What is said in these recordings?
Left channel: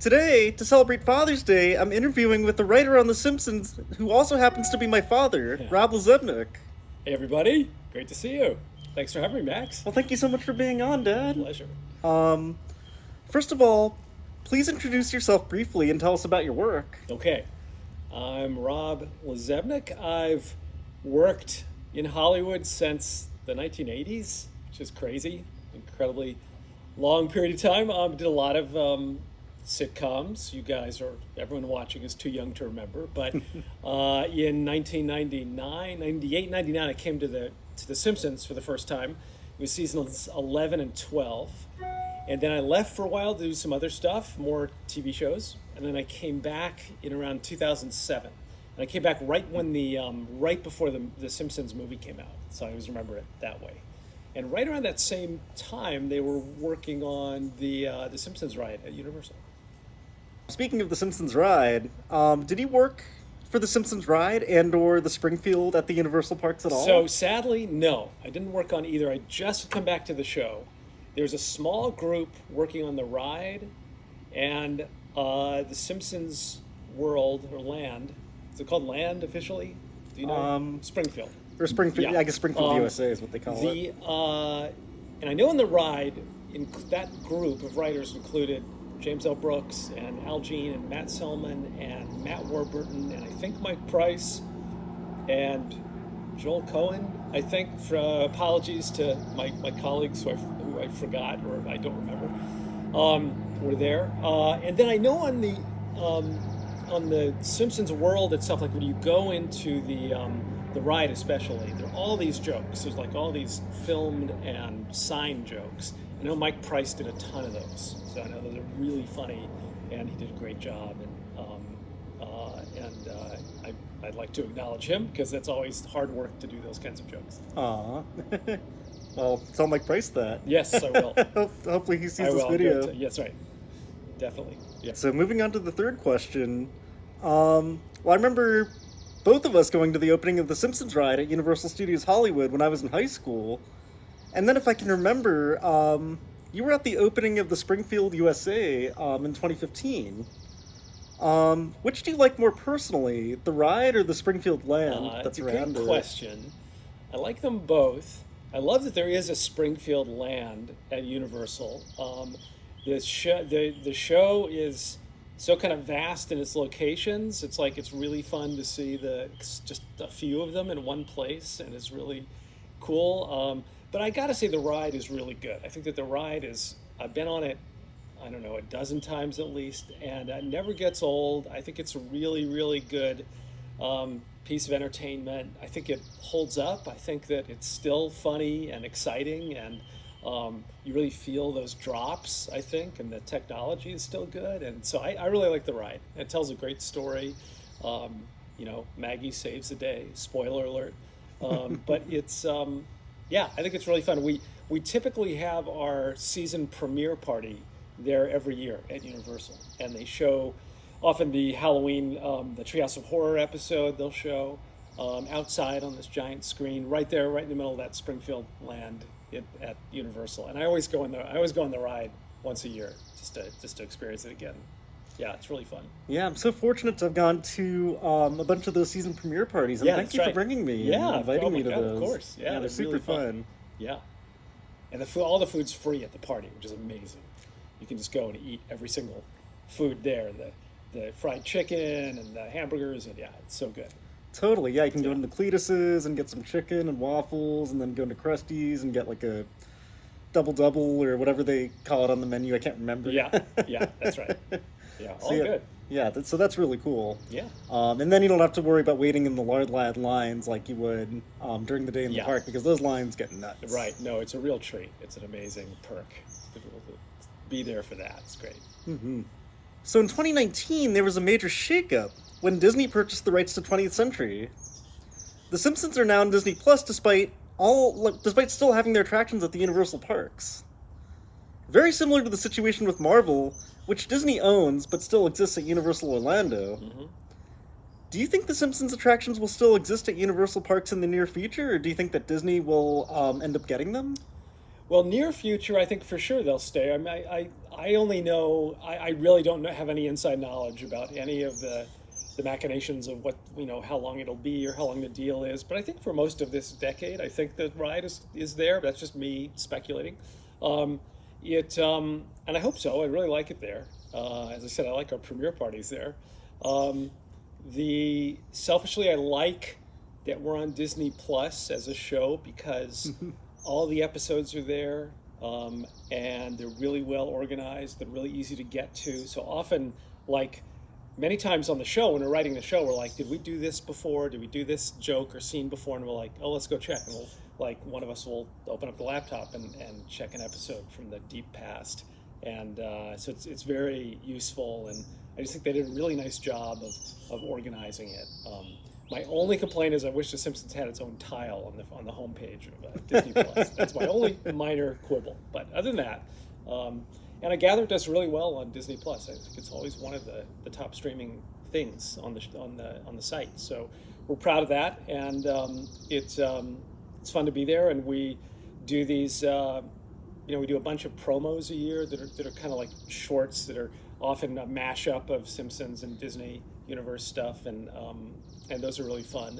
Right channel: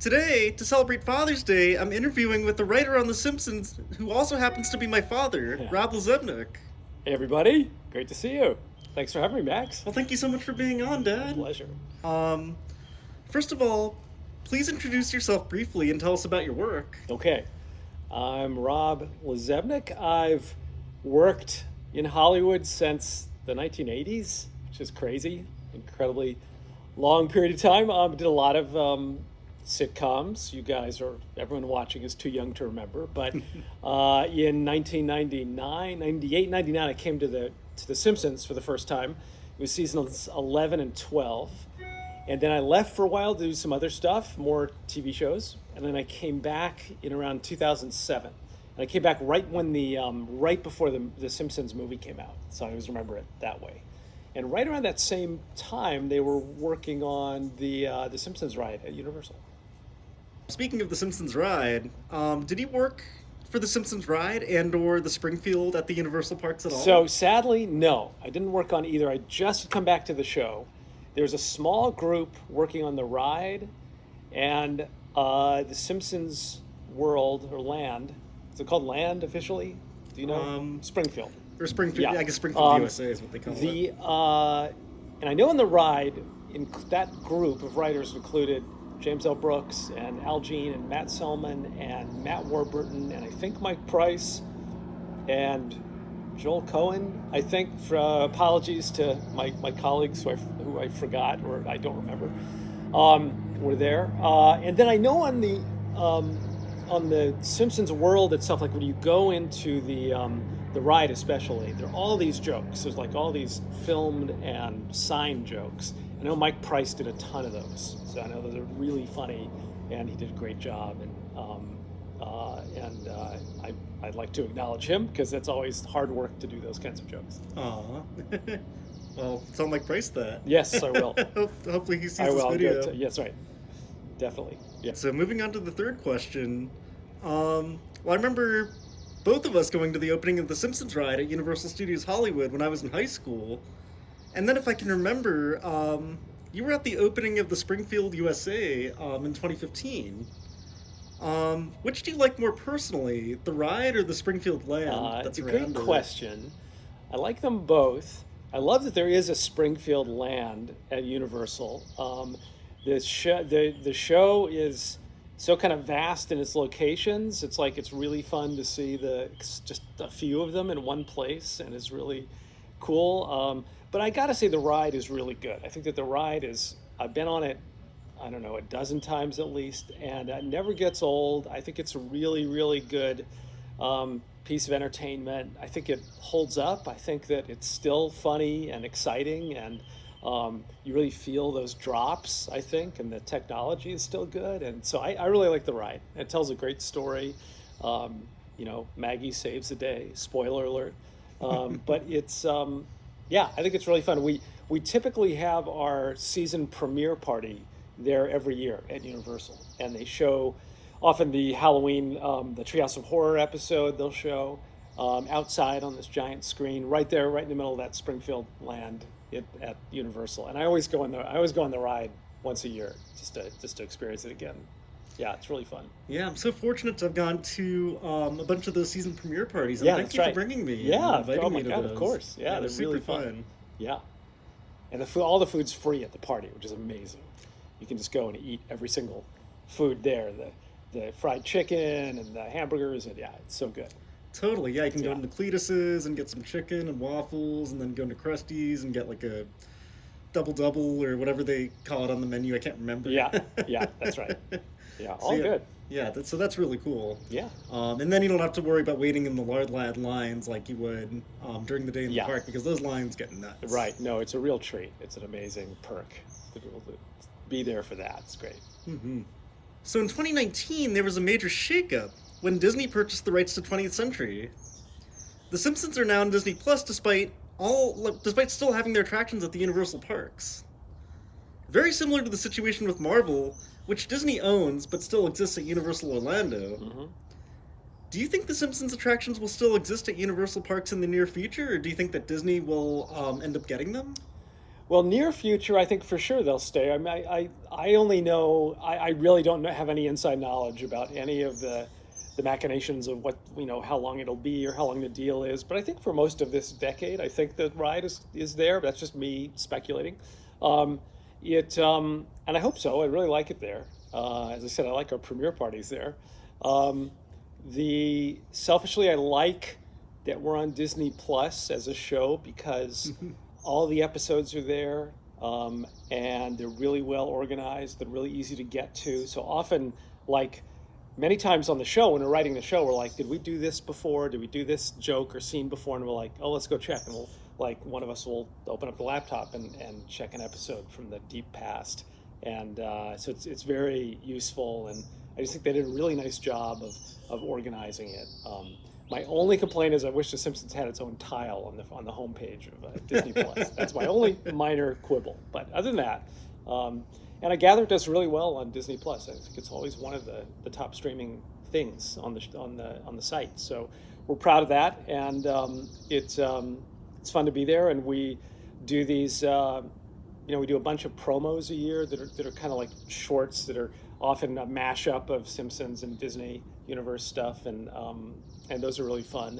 Today, to celebrate Father's Day, I'm interviewing with the writer on The Simpsons, who also happens to be my father, Rob LaZebnik. Hey everybody, great to see you. Thanks for having me, Max. Well, thank you so much for being on, My Dad. pleasure. Um, First of all, please introduce yourself briefly and tell us about your work. Okay, I'm Rob LaZebnik. I've worked in Hollywood since the 1980s, which is crazy, incredibly long period of time. Did a lot of sitcoms. Everyone watching is too young to remember. But in 1999, 98, 99, I came to the Simpsons for the first time. It was seasons 11 and 12. And then I left for a while to do some other stuff, more TV shows. And then I came back in around 2007. And I came back right before the Simpsons movie came out. So I always remember it that way. And right around that same time, they were working on the Simpsons ride at Universal. Speaking of The Simpsons ride, did you work for The Simpsons ride and/or the Springfield at the Universal Parks at all? So sadly, no, I didn't work on either. I just come back to the show. There's a small group working on the ride, and the Simpsons world or land. Is it called land officially? Do you know? Springfield. Or Springfield, yeah. I guess Springfield, USA is what they call it. And I know in the ride, in that group of writers included James L. Brooks and Al Jean and Matt Selman and Matt Warburton and I think Mike Price and Joel Cohen. I think apologies to my colleagues who I forgot or I don't remember were there. And then I know on the Simpsons world itself, like when you go into the ride especially, there are all these jokes. There's like all these filmed and signed jokes. I know Mike Price did a ton of those, so I know those are really funny, and he did a great job. I'd like to acknowledge him because it's always hard work to do those kinds of jokes. Aw. Well, tell Mike Price that. Yes, I will. Hopefully he sees this video. Yes, right. Definitely. Yeah. So moving on to the third question. Well, I remember both of us going to the opening of the Simpsons ride at Universal Studios Hollywood when I was in high school. And then if I can remember, you were at the opening of the Springfield, USA in 2015. Which do you like more personally, the ride or the Springfield land that's around it? Good question. I like them both. I love that there is a Springfield land at Universal. The show is so kind of vast in its locations. It's like it's really fun to see just a few of them in one place, and it's really cool. But I gotta say the ride is really good. I think that the ride I've been on it, I don't know, a dozen times at least, and it never gets old. I think it's a really, really good piece of entertainment. I think it holds up. I think that it's still funny and exciting, and you really feel those drops, I think, and the technology is still good. And so I really like the ride. It tells a great story. Maggie saves the day. Spoiler alert. But it's, I think it's really fun. We typically have our season premiere party there every year at Universal, and they show often the Halloween, the Treehouse of Horror episode. They'll show outside on this giant screen, right there, right in the middle of that Springfield land at Universal. And I always go on the ride once a year just to experience it again. Yeah, it's really fun. Yeah, I'm so fortunate to have gone to a bunch of those season premiere parties. And thank you for bringing me and inviting me to those. Of course. Yeah, they're super really fun. Yeah. And all the food's free at the party, which is amazing. You can just go and eat every single food there. The fried chicken and the hamburgers, and it's so good. Totally, yeah. You can go into Cletus's and get some chicken and waffles, and then go into Krusty's and get like a double or whatever they call it on the menu. I can't remember. Yeah, that's right. Yeah, all good. Yeah, so that's really cool. Yeah. And then you don't have to worry about waiting in the lard lines like you would during the day in the park, because those lines get nuts. Right. No, it's a real treat. It's an amazing perk to be able to be there for that. It's great. Mm-hmm. So in 2019, there was a major shakeup when Disney purchased the rights to 20th Century. The Simpsons are now on Disney Plus, despite still having their attractions at the Universal parks. Very similar to the situation with Marvel, which Disney owns but still exists at Universal Orlando. Mm-hmm. Do you think the Simpsons attractions will still exist at Universal parks in the near future, or do you think that Disney will end up getting them? Well, near future, I think for sure they'll stay. I mean, I only know, I really don't have any inside knowledge about any of the machinations of what, how long it'll be or how long the deal is. But I think for most of this decade, I think the ride is there. That's just me speculating. Um, and I hope so. I really like it there. As I said, I like our premiere parties there. Um, Selfishly, I like that we're on Disney Plus as a show because all the episodes are there, and they're really well organized. They're really easy to get to. So often, like many times on the show, when we're writing the show, we're like, did we do this before? Did we do this joke or scene before? And we're like, oh, let's go check. And we'll, like, one of us will open up the laptop and check an episode from the deep past. And so it's very useful. And I just think they did a really nice job of organizing it. My only complaint is I wish The Simpsons had its own tile on the homepage of Disney Plus. That's my only minor quibble. But other than that, and I gather it does really well on Disney Plus. I think it's always one of the top streaming things on the site. So we're proud of that, and it's fun to be there. And we do these, we do a bunch of promos a year that are kind of like shorts that are often a mashup of Simpsons and Disney Universe stuff, and those are really fun.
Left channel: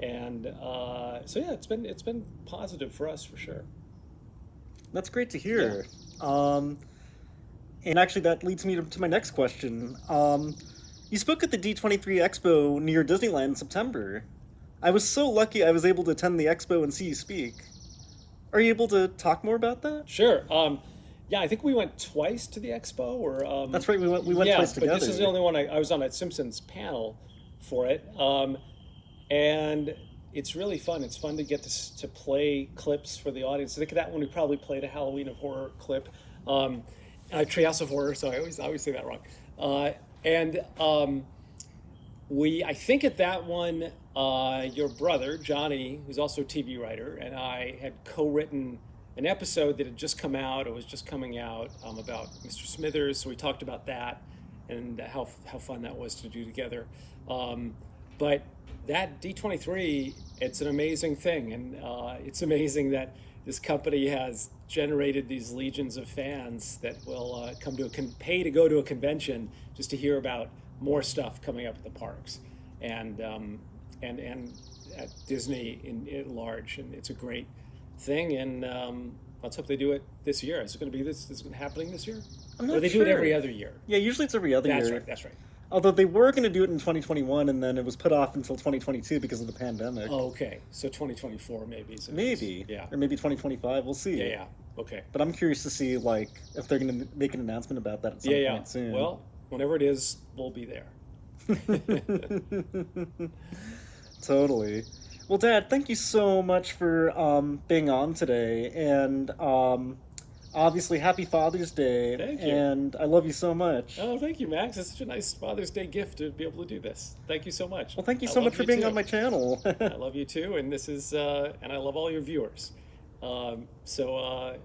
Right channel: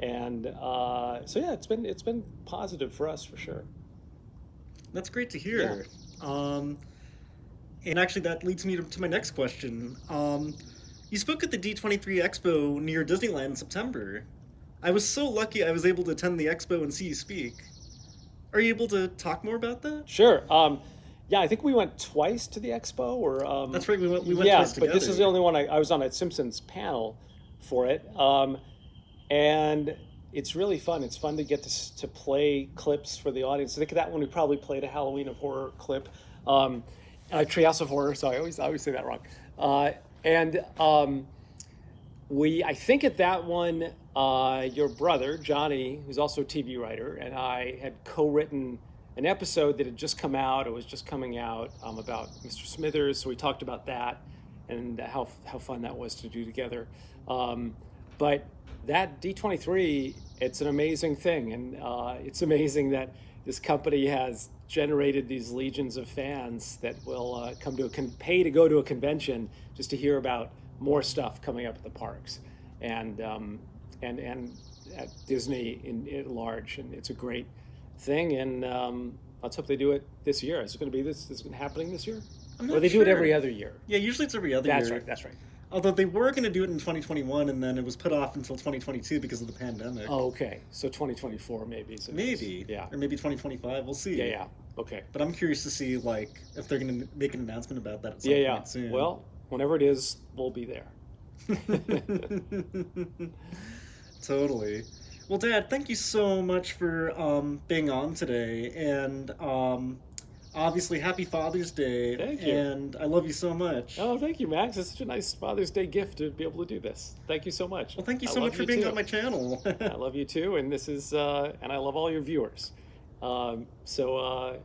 And so yeah, it's been positive for us for sure. That's great to hear. Yeah. And actually, that leads me to my next question. You spoke at the D23 Expo near Disneyland in September. I was so lucky I was able to attend the expo and see you speak. Are you able to talk more about that? Sure. Yeah, I think we went twice to the expo. Or that's right, we went twice together. But this is the only one I was on a Simpsons panel for it, and it's really fun. It's fun to get to play clips for the audience. I think that one we probably played a Halloween of Horror clip, Treehouse of Horror. Sorry, I always say that wrong. I think at that one, your brother Johnny, who's also a TV writer, and I had co-written an episode that had just come out. It was just coming out about Mr. Smithers. So we talked about that and how fun that was to do together. But that D23, it's an amazing thing, and it's amazing that this company has generated these legions of fans that will come to pay to go to a convention just to hear about more stuff coming up at the parks and at Disney at large, and it's a great thing. And let's hope they do it this year. Is it going to be this? Is it happening this year? Or they do it every other year? Yeah, usually it's every other year. That's right. Although they were going to do it in 2021, and then it was put off until 2022 because of the pandemic. Oh, okay. So 2024 maybe. Maybe. Yeah. Or maybe 2025. We'll see. Yeah. Okay. But I'm curious to see if they're going to make an announcement about that at some point soon. Well, whenever it is, we'll be there. Totally. Well, Dad, thank you so much for being on today, and obviously, happy Father's Day. Thank you. And I love you so much. Oh, thank you, Max. It's such a nice Father's Day gift to be able to do this. Thank you so much. Well, thank you so much for being on my channel. I love you too, and this is and I love all your viewers. So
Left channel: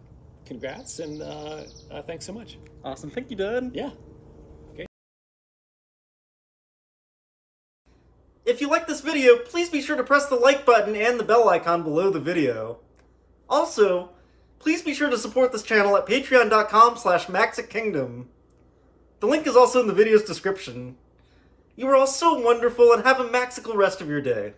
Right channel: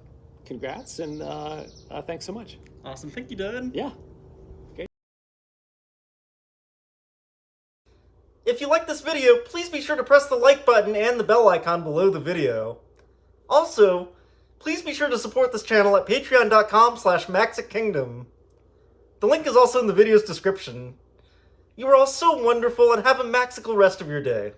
congrats, and thanks so much. Awesome. Thank you, Dad. Yeah. If you like this video, please be sure to press the like button and the bell icon below the video. Also, please be sure to support this channel at patreon.com/MaxicKingdom. The link is also in the video's description. You are all so wonderful, and have a maxical rest of your day.